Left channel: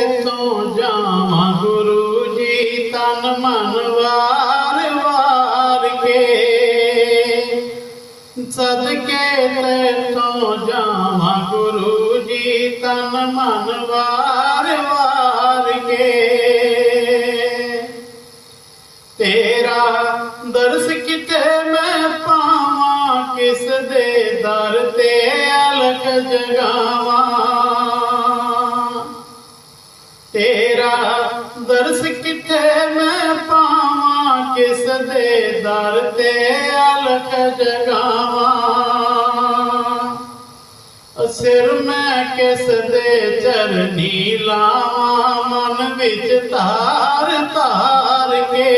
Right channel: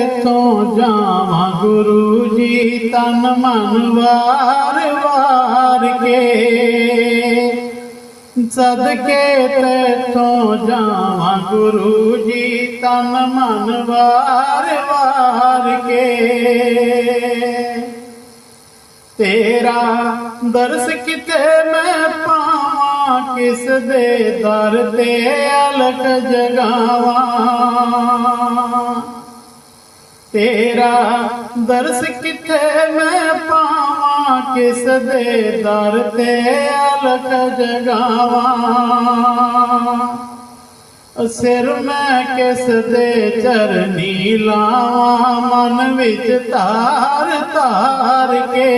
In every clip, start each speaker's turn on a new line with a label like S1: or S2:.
S1: ਤੋਂ ਜਾਵਾਂ ਗੁਰੂ ਜੀ? ਤਨ ਮਨ ਵਾਰ ਵਾਰ ਕੇ। ਸਦਕੇ ਤੈਥੋਂ ਜਾਵਾਂ ਗੁਰੂ ਜੀ, ਤਨ ਮਨ ਵਾਰ ਵਾਰ ਕੇ। ਤੇਰਾ ਦਰਸ ਕਿਤੇ ਮੈਂ ਪਾਵਾਂ, ਕਿਸ ਦੇ ਦਰ ਤੇ ਅਲਖ ਜਗਾਵਾਂ तरस किथे मैं पावा किस दे दर ते अलख जगावा सिर मैं किस दे चरनी लावा, मन बिच तार तार के।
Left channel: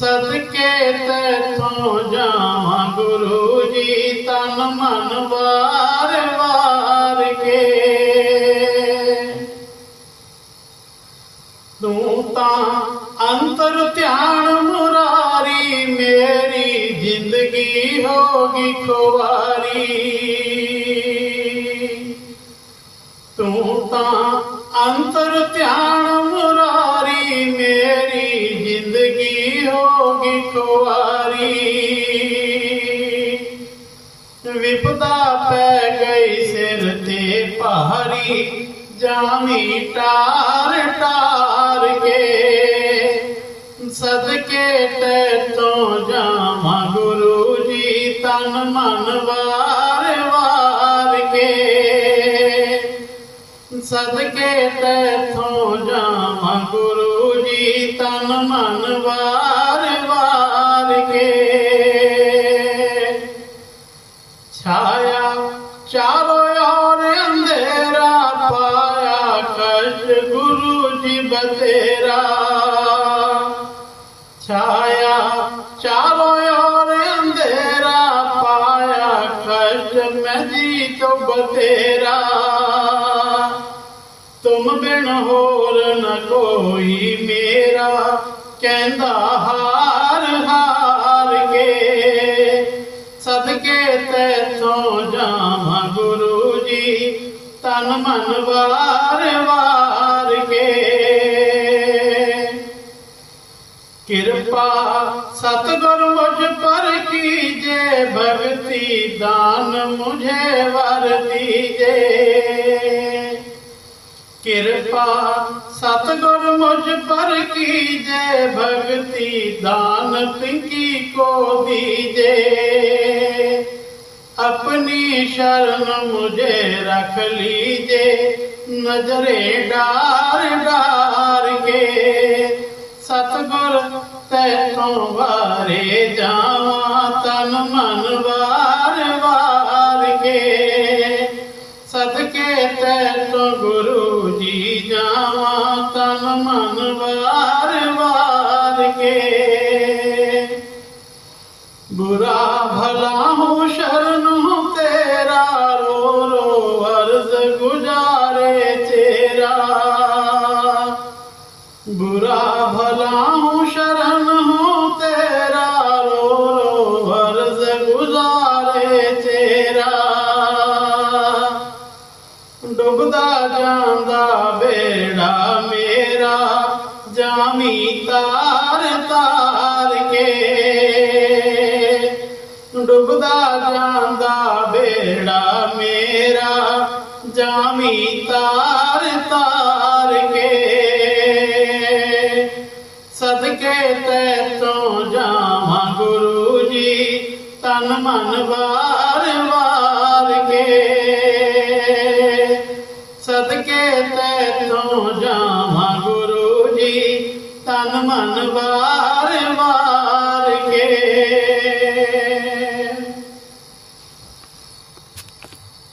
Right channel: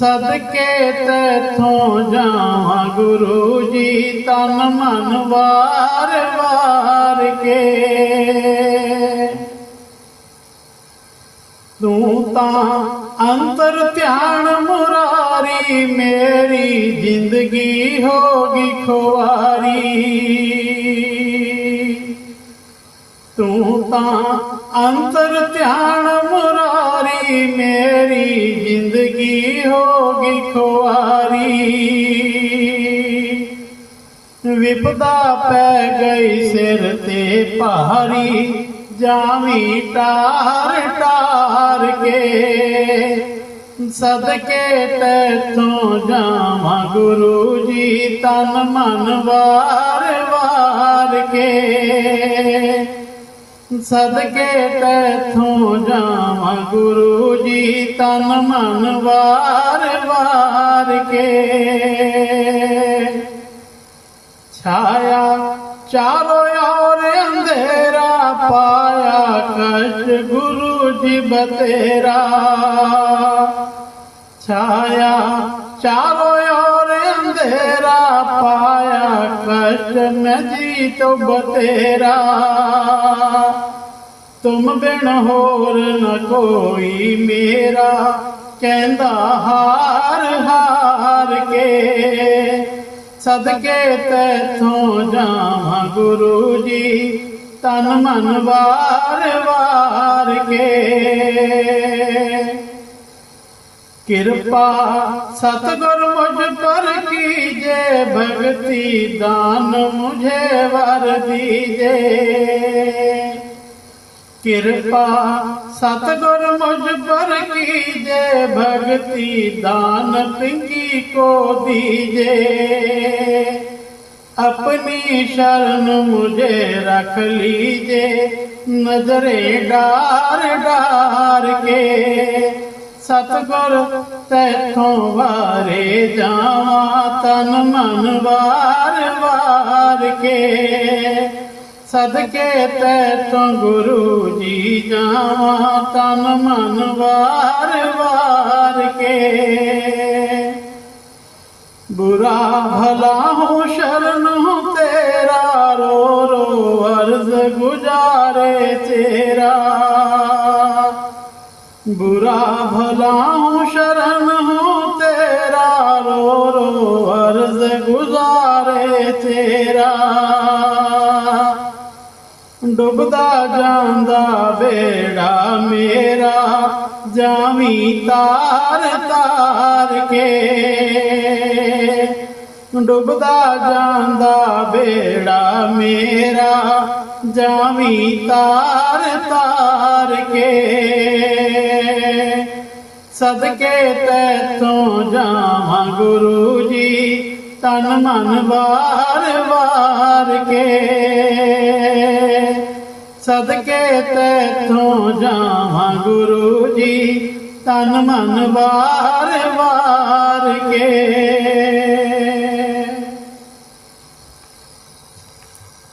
S1: सदके तैथों जावा गुरु जी तन मन बार बार ਹੋਗੀ ਖੁਆਰੀ। ਤੂੰ ਤਾਂ ਅੰਤਰ ਧਿਆਨ ਮੁਰਾਰੀ, ਮੇਰੀ ਜ਼ਿੰਦਗੀ ਹੋਗੀ ਖੁਆਰੀ। ਵਿਪਦਾ ਪੈ ਗਈ ਸਿਰ ਤੇ ਭਾਰੀ, ਜਾਮੀ ਟਾਰ सदके तो जामा गुरु जी तन मन वार वार के। सदके तो जामा गुरु जी तन मन वार वार के। छाया चारो और अंधेरा, पाया कष्ट गुरु जी बतेरा। छाया चारो ओर अंधेरा पाया कष्ट न जी तो बतेरा तुम बिन होर न कोई मेरा कहंदा हार हार के सदके तैथों जा गुरु जी तन मन बा कृपा, सतगुरु मुझ पर कीजे, भक्ति दान मुझे वर दीजे। कृपा, सतगुर मुझ पर कीजे, भक्ति दान पिंकी को दीजे। अपनी शरण मुझे रख लीजे, नजरे डार डार के। सतगुर तैथों वारे जावा तन मन वार वार के। सदके तैथों गुरु जी जावा तन मन वार वार के। बुरा भला हूँ शरण बुरा भला हूँ शरण हूँ तेरा रो रो अर्ज गुजारे तेरा डुबदा जांदा बेड़ा मेरा जामी तार तार के डुबदा जांदा बेड़ा मेरा जामी तार तार सके सदके ते तो जावा गुरु जी तन मन बार बार के।